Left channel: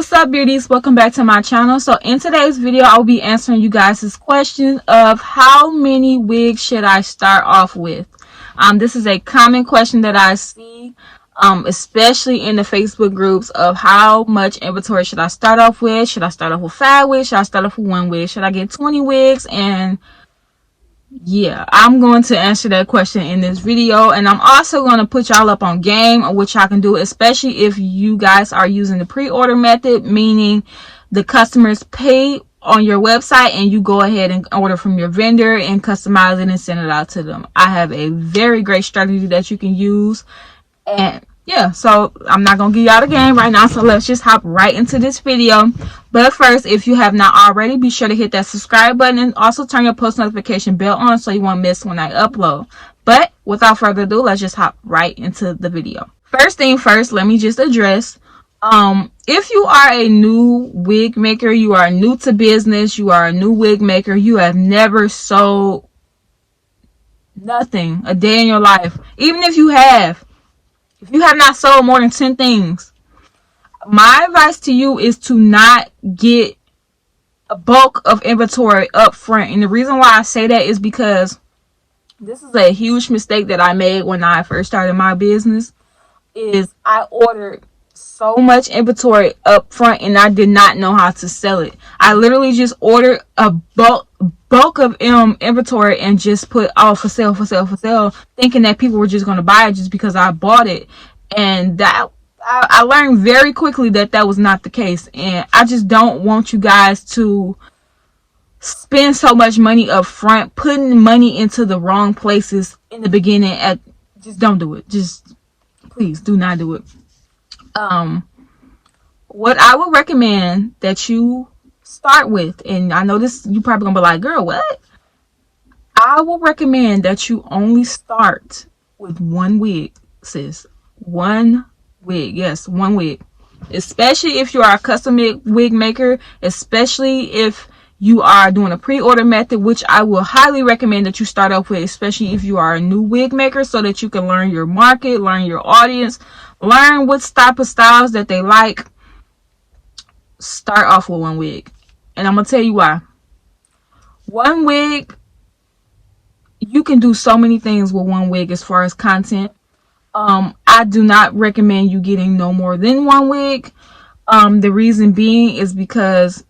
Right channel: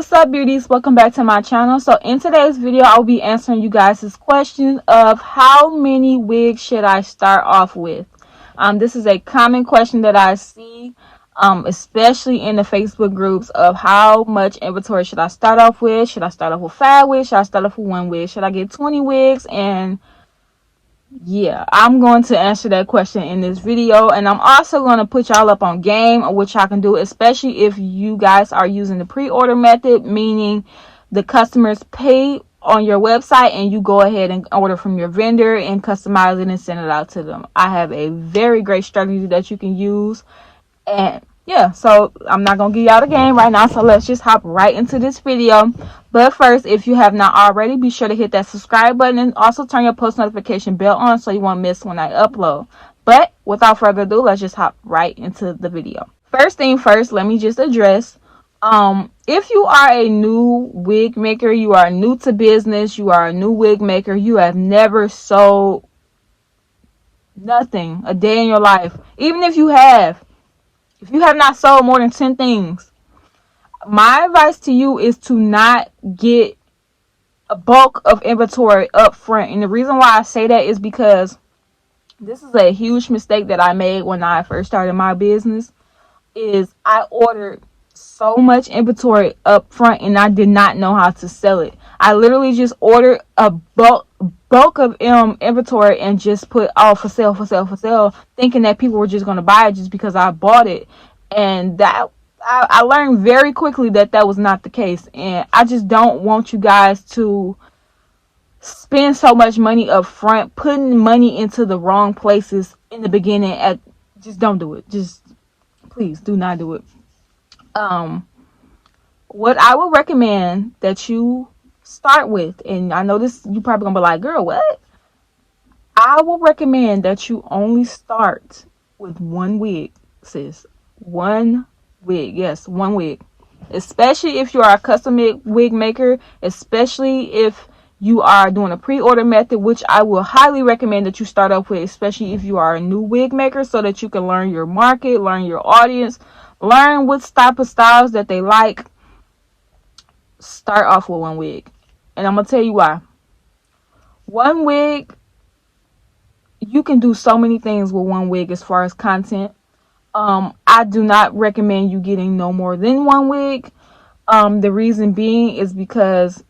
what's up, beauties? Welcome back to my channel. So in today's video, I will be answering you guys' question of how many wigs should I start off with. This is a common question that I see, especially in the Facebook groups, of how much inventory should I start off with? Should I start off with 5 wigs? Should I start off with 1 wig? Should I get 20 wigs? And yeah, I'm going to answer that question in this video, and I'm also going to put y'all up on game on what y'all can do, especially if you guys are using the pre-order method, meaning the customers pay on your website and you go ahead and order from your vendor and customize it and send it out to them. I have a very great strategy that you can use. And yeah, so I'm not gonna give y'all the game right now, so let's just hop right into this video. But first, if you have not already, be sure to hit that subscribe button and also turn your post notification bell on so you won't miss when I upload. But without further ado, let's just hop right into the video. First thing first, let me just address, if you are a new wig maker, you are new to business, you are a new wig maker, you have never sold nothing a day in your life, even if you have not sold more than 10 things, my advice to you is to not get a bulk of inventory up front. And the reason why I say that is because this is a huge mistake that I made when I first started my business. Is I ordered so much inventory up front and I did not know how to sell it. I literally just ordered a bulk of inventory and just put for sale, thinking that people were just going to buy it just because I bought it. And that I learned very quickly that was not the case. And I just don't want you guys to spend so much money up front, putting money into the wrong places in the beginning. Just don't do it. Just please do not do it. What I would recommend that you start with, and I know this, you probably gonna be like, girl, what? I will recommend that you only start with 1 wig, sis. 1 wig. Yes, 1 wig. Especially if you are a custom wig maker, especially if you are doing a pre-order method, which I will highly recommend that you start off with, especially if you are a new wig maker, so that you can learn your market, learn your audience, learn what type of styles that they like. Start off with 1 wig. And I'm going to tell you why. 1 wig, you can do so many things with 1 wig as far as content. I do not recommend you getting no more than 1 wig. The reason being is because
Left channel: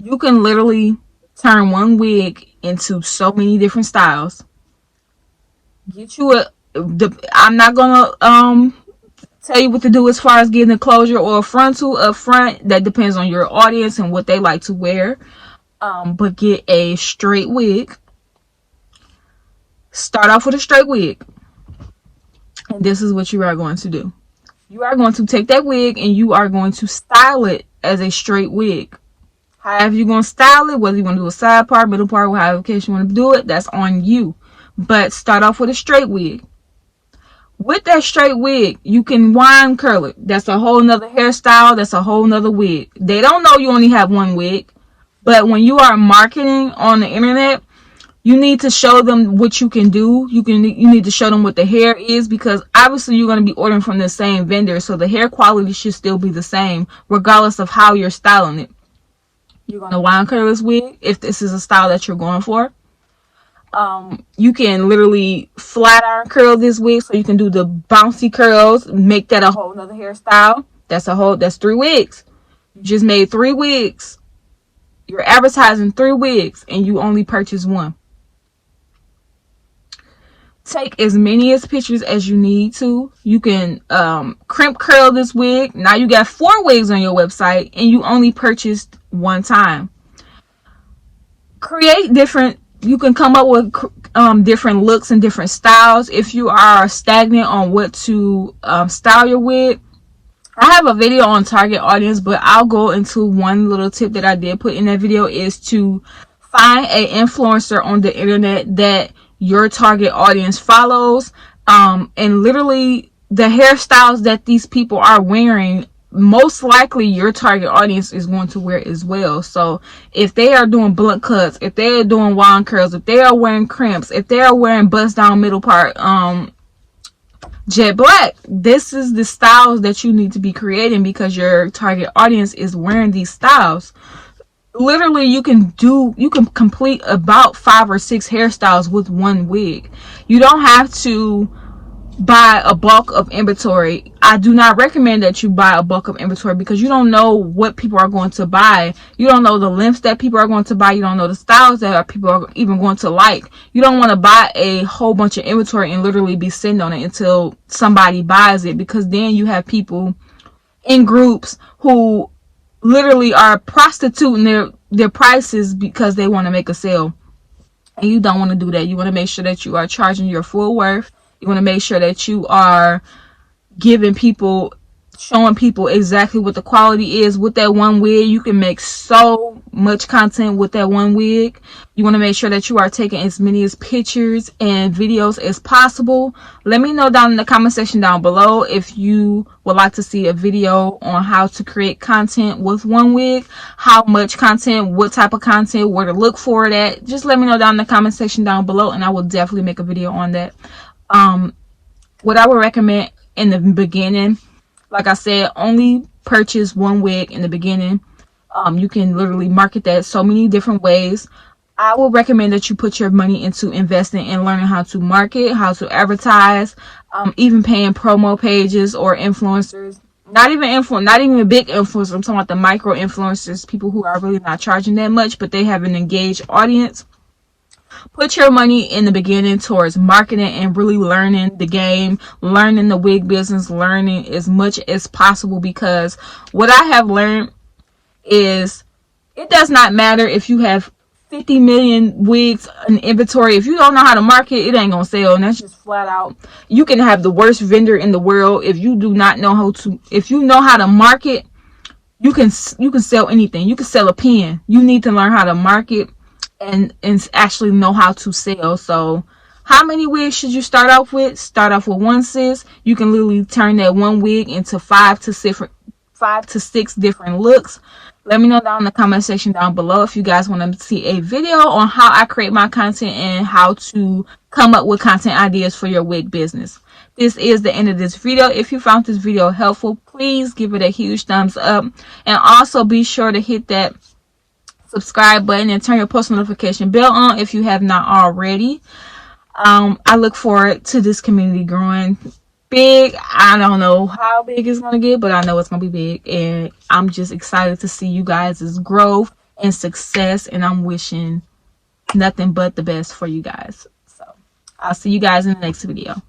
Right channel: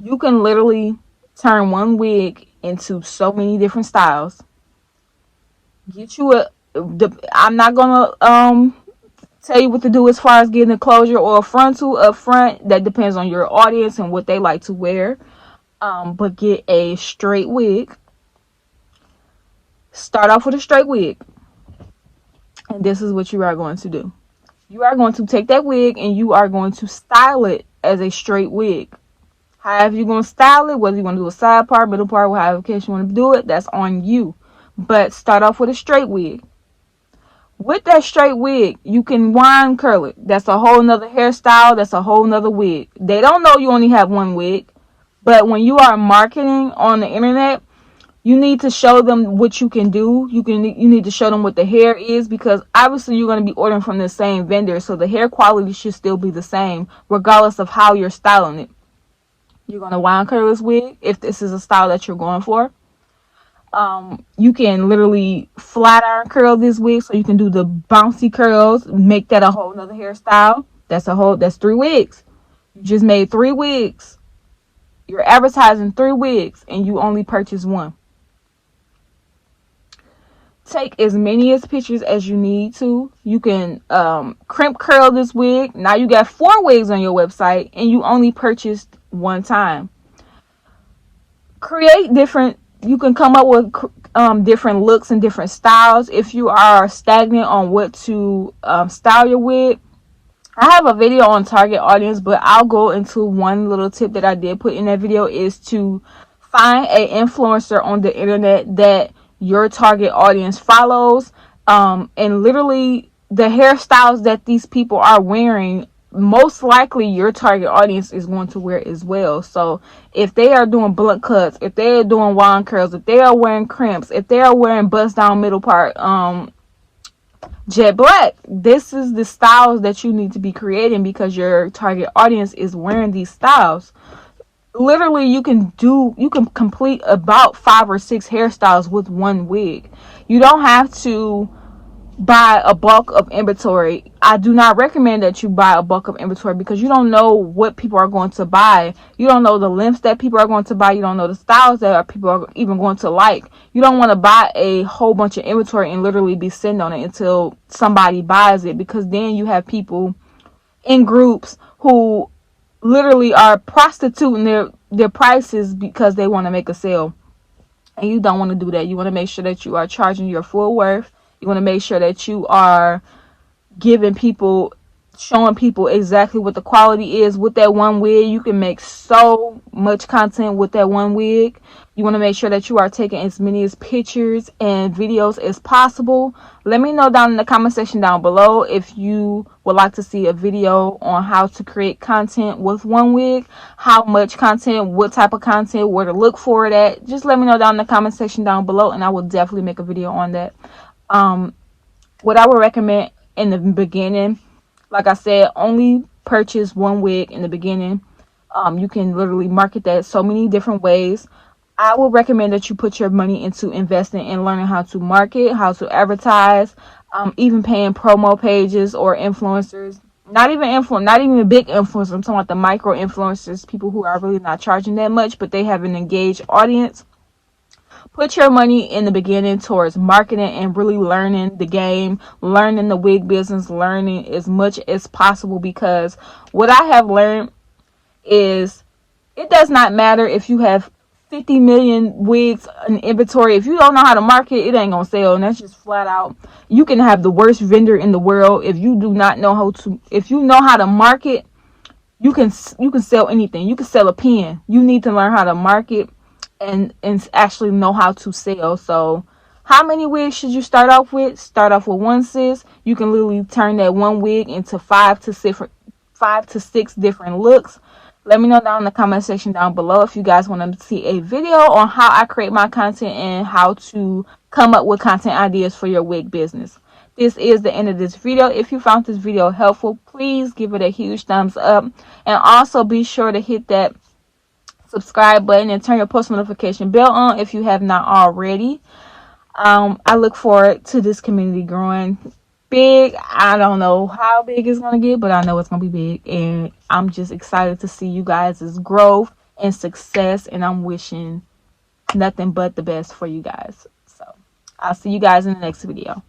you can literally turn 1 wig into so many different styles. Get you I'm not gonna tell you what to do as far as getting a closure or a frontal up front. That depends on your audience and what they like to wear. But get a straight wig. Start off with a straight wig. And this is what you are going to do. You are going to take that wig and you are going to style it as a straight wig. However you're going to style it, whether you want to do a side part, middle part, however case you want to do it, that's on you. But start off with a straight wig. With that straight wig, you can wind curl it. That's a whole nother hairstyle. That's a whole nother wig. They don't know you only have 1 wig. But when you are marketing on the internet, you need to show them what you can do. You need to show them what the hair is, because obviously you're going to be ordering from the same vendor. So the hair quality should still be the same regardless of how you're styling it. You're going to wind curl this wig if this is a style that you're going for. You can literally flat iron curl this wig, so you can do the bouncy curls, make that a whole nother hairstyle. That's 3 wigs. You just made 3 wigs. You're advertising 3 wigs and you only purchase 1. Take as many pictures as you need to. You can crimp curl this wig. Now you got 4 wigs on your website and you only purchased 1 time. Create different. You can come up with different looks and different styles. If you are stagnant on what to style your wig, I have a video on target audience, but I'll go into one little tip that I did put in that video, is to find an influencer on the internet that your target audience follows, and literally the hairstyles that these people are wearing, most likely your target audience is going to wear as well. So if they are doing blunt cuts, if they are doing wind curls, if they are wearing crimps, if they are wearing bust down middle part jet black. This is the styles that you need to be creating because your target audience is wearing these styles. Literally, you can complete about 5 or 6 hairstyles with one wig. You don't have to buy a bulk of inventory. I do not recommend that you buy a bulk of inventory because you don't know what people are going to buy. You don't know the lengths that people are going to buy. You don't know the styles that people are even going to like. You don't want to buy a whole bunch of inventory and literally be sitting on it until somebody buys it, because then you have people in groups who literally are prostituting their prices because they want to make a sale. And you don't want to do that. You want to make sure that you are charging your full worth. You want to make sure that you are giving people, showing people exactly what the quality is. With that one wig, you can make so much content with that one wig. You want to make sure that you are taking as many as pictures and videos as possible. Let me know down in the comment section down below if you would like to see a video on how to create content with one wig, how much content, what type of content, where to look for it at. Just let me know down in the comment section down below, and I will definitely make a video on that. What I would recommend in the beginning, like I said, only purchase one wig in the beginning. You can literally market that so many different ways. I would recommend that you put your money into investing and learning how to market, how to advertise, even paying promo pages or influencers. Not even big influencers. I'm talking about the micro influencers, people who are really not charging that much, but they have an engaged audience. Put your money in the beginning towards marketing and really learning the game, learning the wig business, learning as much as possible, because what I have learned is it does not matter if you have 50 million wigs in inventory. If you don't know how to market, it ain't gonna sell. And that's just flat out. You can have the worst vendor in the world. If you do not know how to, if you know how to market, you can sell anything. You can sell a pen. You need to learn how to market and actually know how to sell. So how many wigs should you start off with? Start off with one, sis. You can literally turn that one wig into 5 to 6 different looks. Let me know down in the comment section down below if you guys want to see a video on how I create my content and how to come up with content ideas for your wig business. This is the end of this video. If you found this video helpful, please give it a huge thumbs up, and also be sure to hit that subscribe button and turn your post notification bell on if you have not already. I look forward to this community growing big. I don't know how big it's gonna get, but I know it's gonna be big, and I'm just excited to see you guys' growth and success, and I'm wishing nothing but the best for you guys. So I'll see you guys in the next video.